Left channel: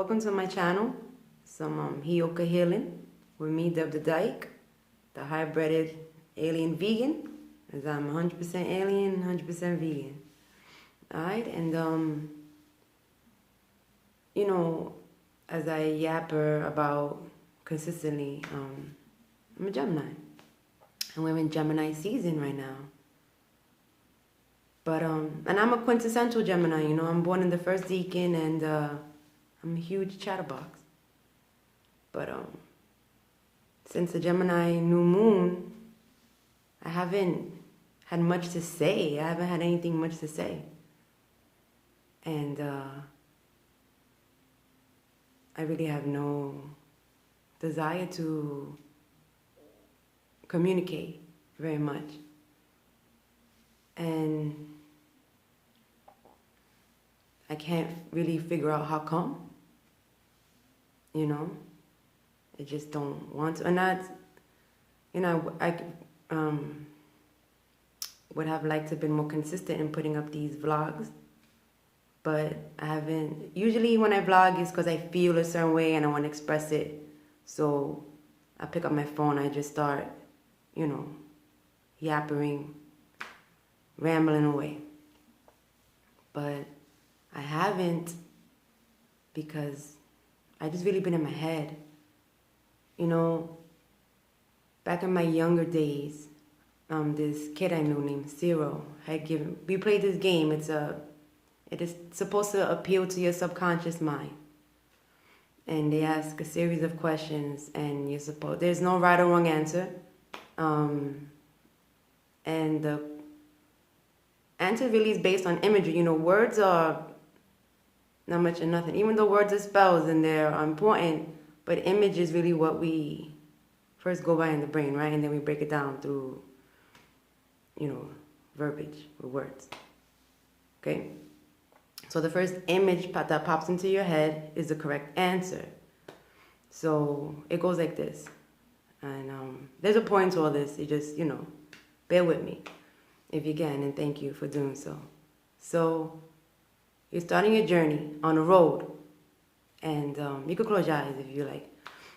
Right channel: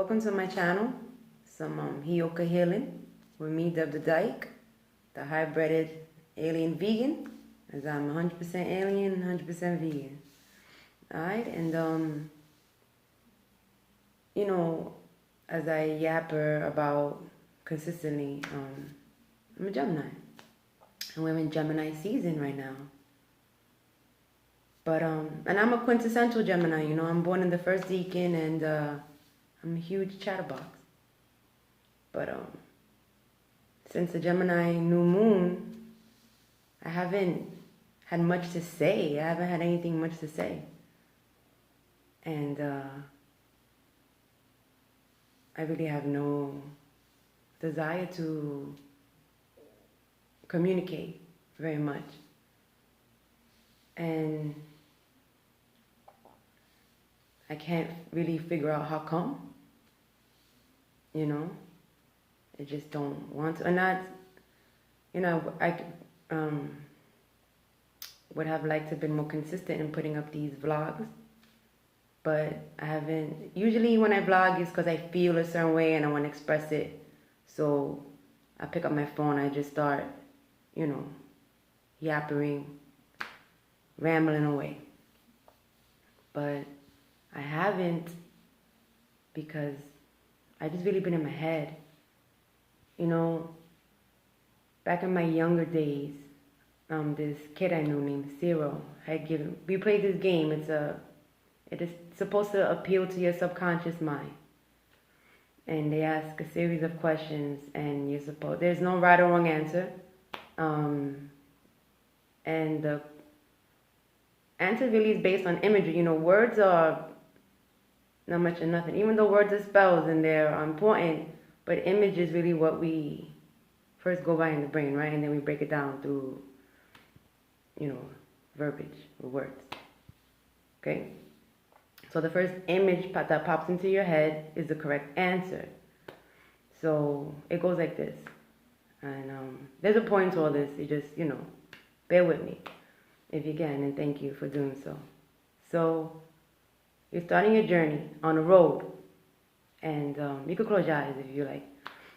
welcome to my channel. Some heyoka healing with me, Dub the Dyke, the hybrided alien vegan, as I'm 100% alien, 100% vegan. Alright, and you know, as I yapper about consistently, I'm a Gemini. And we're in Gemini season right now. But, and I'm a quintessential Gemini, you know, I'm born in the first decan and I'm a huge chatterbox. But since the Gemini new moon, I haven't had much to say. I haven't had anything much to say. And I really have no desire to communicate very much. And I can't really figure out how come, you know. I just don't want to. And that's, you know, I would have liked to have been more consistent in putting up these vlogs. But I haven't. Usually when I vlog, it's because I feel a certain way and I want to express it. So I pick up my phone, I just start, you know, yappering, rambling away. But I haven't, because I just really been in my head. You know, back in my younger days, this kid I knew named Zero had given, we played this game. It is supposed to appeal to your subconscious mind. And they ask a series of questions, and you're supposed, there's no right or wrong answer. And the answer really is based on imagery. You know, words are not much or nothing. Even though words are spells and they're important, but image is really what we first go by in the brain, right? And then we break it down through, you know, verbiage or words. Okay? So the first image that pops into your head is the correct answer. So it goes like this. And there's a point to all this. You just, you know, bear with me if you can, and thank you for doing so. So you're starting your journey on a road. And you could close your eyes if you like.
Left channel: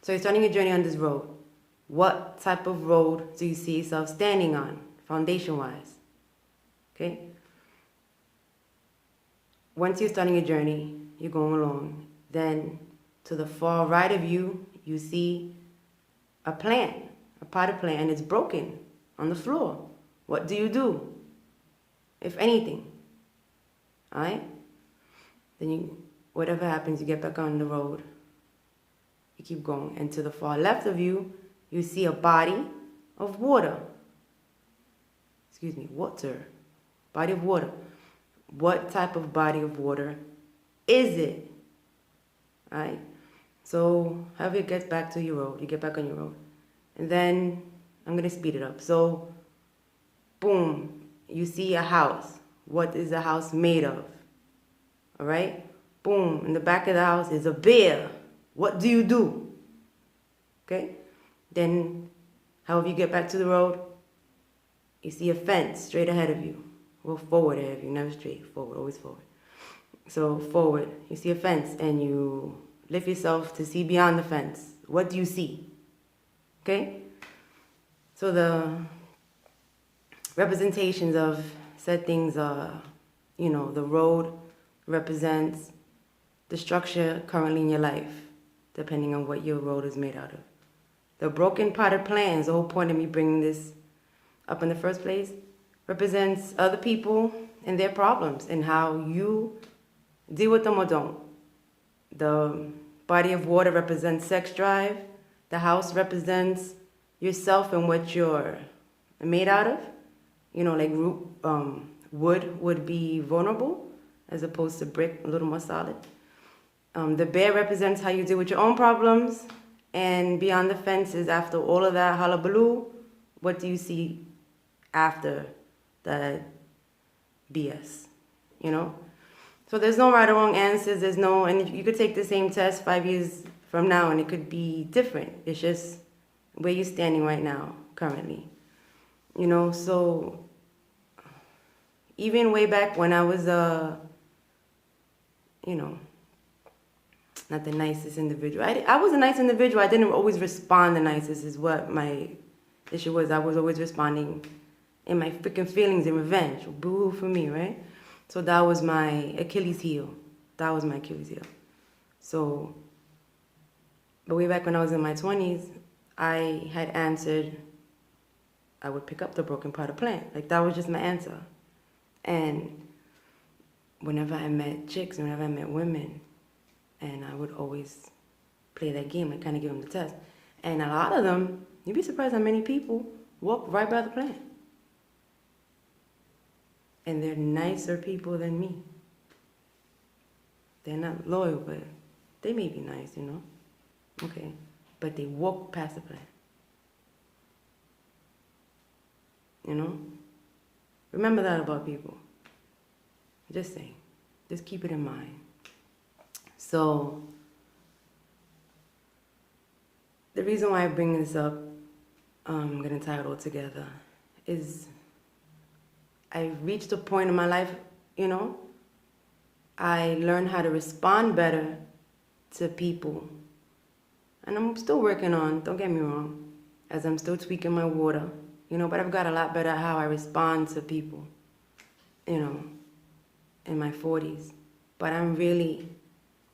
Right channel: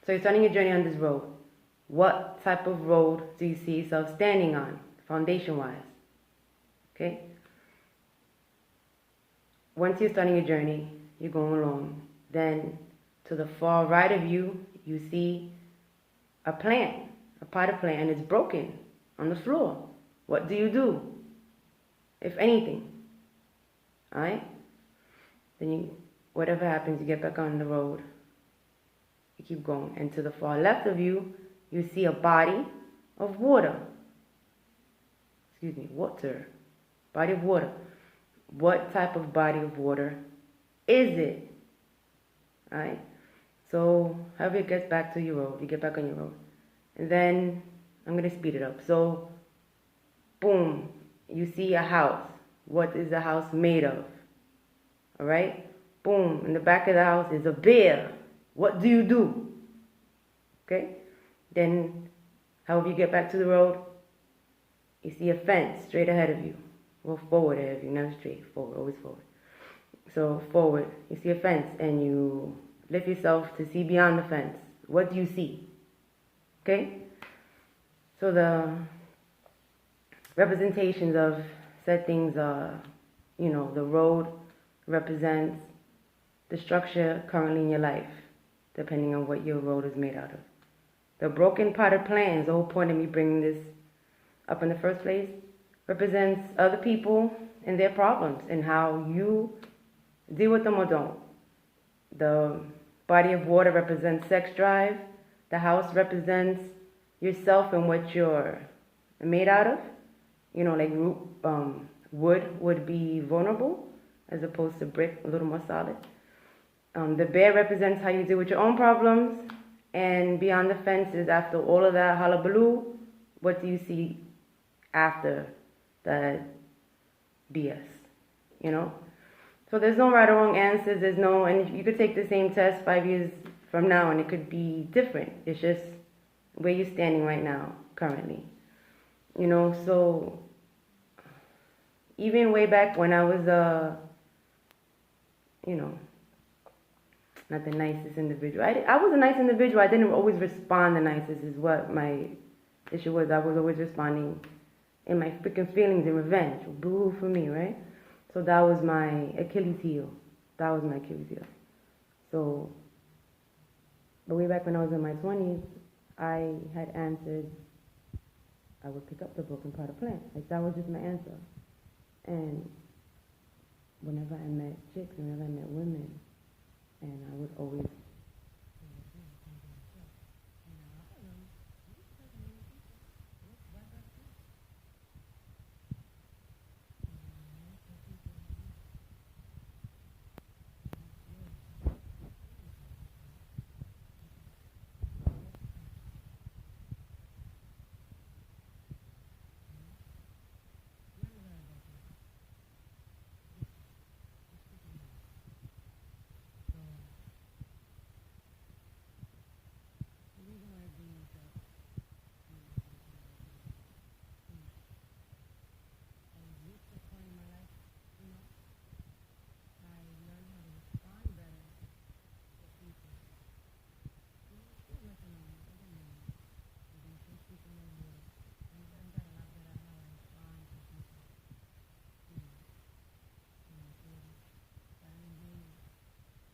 So you're starting your journey on this road. What type of road do you see yourself standing on, foundation-wise? Okay? Once you're starting your journey, you're going along. Then to the far right of you, you see a plant, a potted plant, and it's broken on the floor. What do you do, if anything? All right? Then you, whatever happens, you get back on the road. You keep going. And to the far left of you, you see a body of water. Excuse me, water. Body of water. What type of body of water is it? All right? So, however it gets back to your road, you get back on your road. And then, I'm going to speed it up. So, boom, you see a house. What is the house made of? All right? Boom, in the back of the house is a bear. What do you do? Okay? Then, however you get back to the road, you see a fence straight ahead of you. Well, forward ahead of you, never straight. Forward, always forward. So, forward, you see a fence and you lift yourself to see beyond the fence. What do you see? Okay? So, the representations of said things are, you know, the road represents the structure currently in your life, depending on what your road is made out of. The broken potted plant, the whole point of me bringing this up in the first place, represents other people and their problems and how you deal with them or don't. The body of water represents sex drive. The house represents yourself and what you're made out of. You know, like wood would be vulnerable as opposed to brick, a little more solid. The bear represents how you deal with your own problems. And beyond the fences, after all of that hullabaloo, what do you see after that BS? You know? So there's no right or wrong answers. There's no, and you could take the same test 5 years from now and it could be different. It's just where you're standing right now, currently. You know, so even way back when I was, you know, not the nicest individual. I was a nice individual. I didn't always respond the nicest is what my issue was. I was always responding in my freaking feelings and revenge. Boo-hoo for me, right? So that was my Achilles heel. That was my Achilles heel. So, but way back when I was in my 20s, I had answered, I would pick up the broken part of plant. Like, that was just my answer. And whenever I met chicks, whenever I met women, and I would always play that game, I kind of give them the test. And a lot of them, you'd be surprised how many people walk right by the plant. And they're nicer people than me. They're not loyal, but they may be nice, you know? Okay. But they walk past the plant. You know? Remember that about people. Just saying. Just keep it in mind. So, the reason why I bring this up, I'm going to tie it all together, is I reached a point in my life, you know, I learned how to respond better to people. And I'm still working on, don't get me wrong, as I'm still tweaking my water, you know, but I've got a lot better at how I respond to people, you know, in my 40s. But I'm really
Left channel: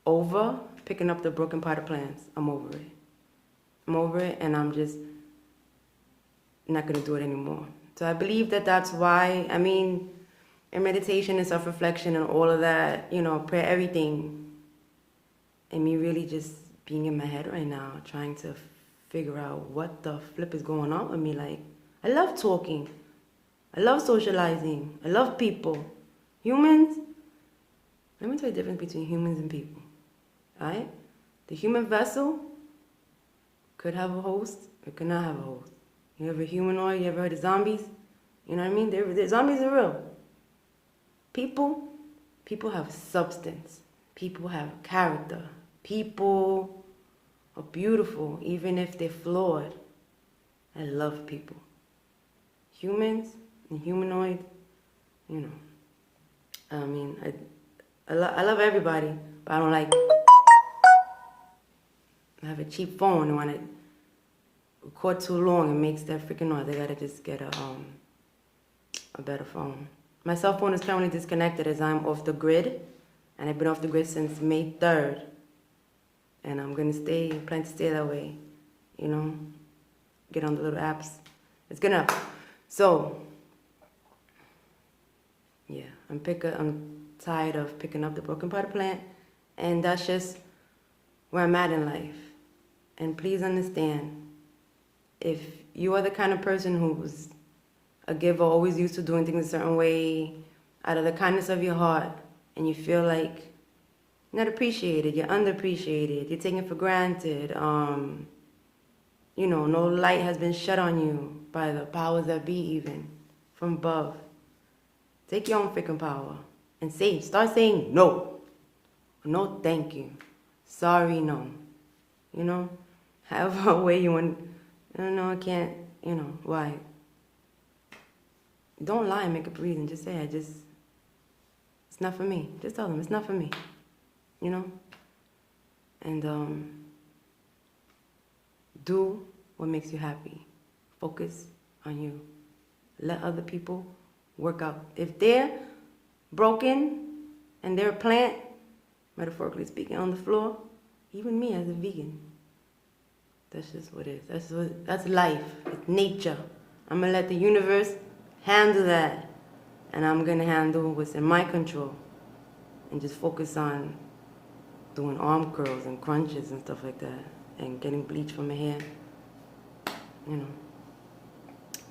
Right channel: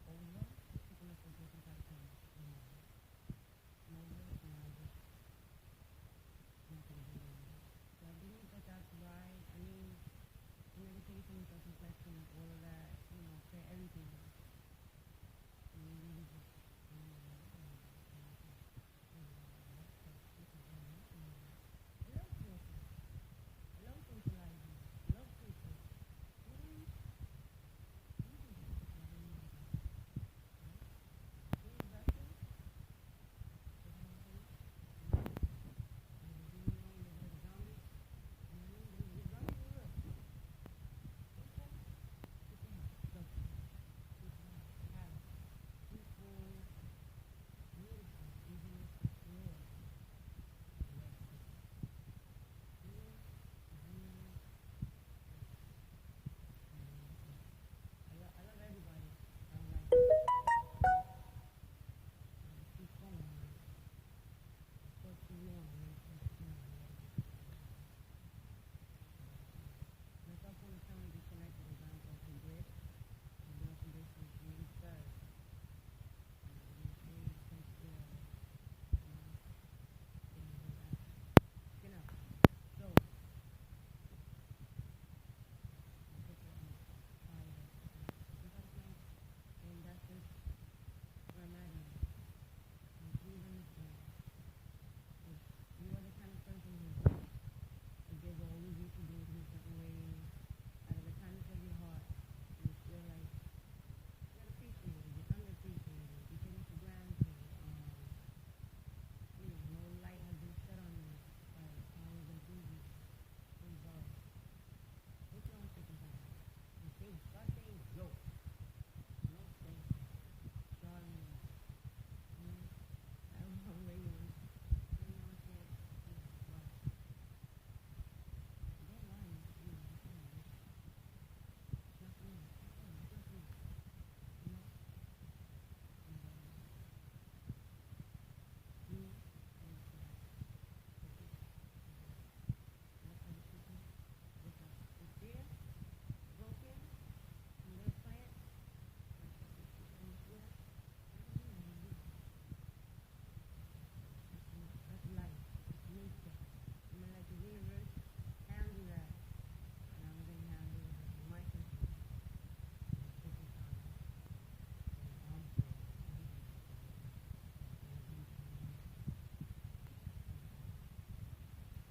over picking up the broken part of plants. I'm over it. I'm over it, and I'm just not going to do it anymore. So I believe that that's why, I mean, in meditation and self-reflection and all of that, you know, prayer, everything, and me really just being in my head right now, trying to figure out what the flip is going on with me. Like, I love talking. I love socializing. I love people. Humans, let me tell you the difference between humans and people, all right? The human vessel could have a host, it could not have a host. You ever humanoid, you ever heard of zombies? You know what I mean? Zombies are real. People have substance. People have character. People are beautiful, even if they're flawed. I love people. Humans and humanoid, you know. I mean, I love everybody, but I don't like. I have a cheap phone, and when it record too long, it makes that freaking noise. I gotta just get a better phone. My cell phone is currently disconnected as I'm off the grid, and I've been off the grid since May 3rd. And I'm gonna plan to stay that way, you know, get on the little apps. It's good enough. So, yeah, I'm tired of picking up the broken part of plant, and that's just where I'm at in life. And please understand, if you are the kind of person who's a giver, always used to doing things a certain way, out of the kindness of your heart, and you feel like you're not appreciated, you're underappreciated, you're taken for granted, you know, no light has been shed on you by the powers that be, even from above. Take your own freaking power and start saying no. No, thank you. Sorry, no. You know, have a way you want. No, I can't. You know, why? Don't lie and make up a reason. Just say, it's not for me. Just tell them it's not for me. You know? And do what makes you happy. Focus on you. Let other people work out. If they're broken and they're a plant, metaphorically speaking, on the floor, even me as a vegan, that's just what it is. That's life. It's nature. I'm going to let the universe handle that, and I'm going to handle what's in my control and just focus on doing arm curls and crunches and stuff like that and getting bleach from my hair. You know,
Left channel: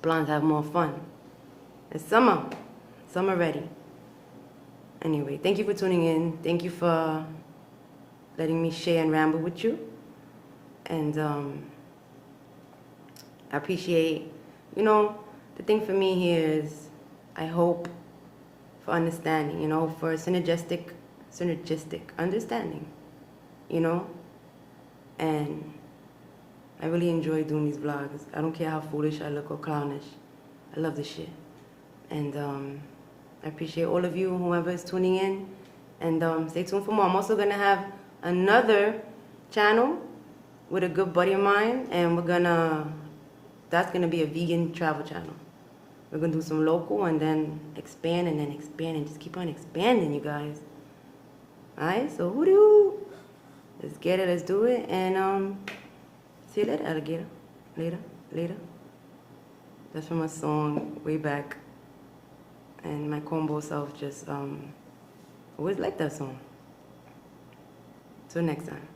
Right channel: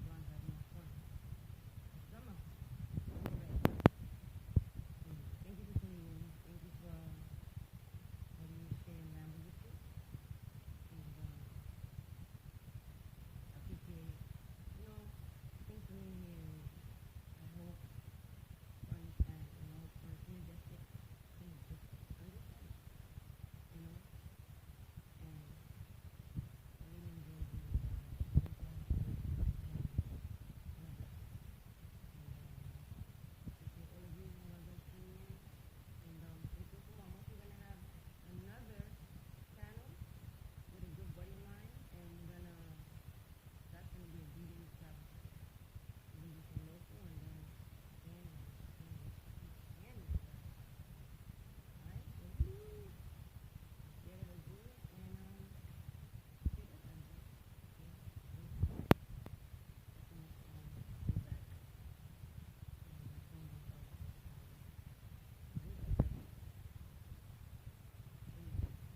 blondes have more fun. It's summer. Summer ready. Anyway, thank you for tuning in. Thank you for letting me share and ramble with you. And I appreciate, you know, the thing for me here is I hope for understanding, you know, for synergistic understanding, you know. And I really enjoy doing these vlogs. I don't care how foolish I look or clownish. I love this shit. And I appreciate all of you, whoever is tuning in. And stay tuned for more. I'm also going to have another channel with a good buddy of mine, and that's gonna be a vegan travel channel. We're gonna do some local and then expand and then expand and just keep on expanding, you guys. Alright, so hoodoo. Let's get it, let's do it, and see you later, alligator. Later. That's from a song way back. And my combo self just always liked that song. Till next time.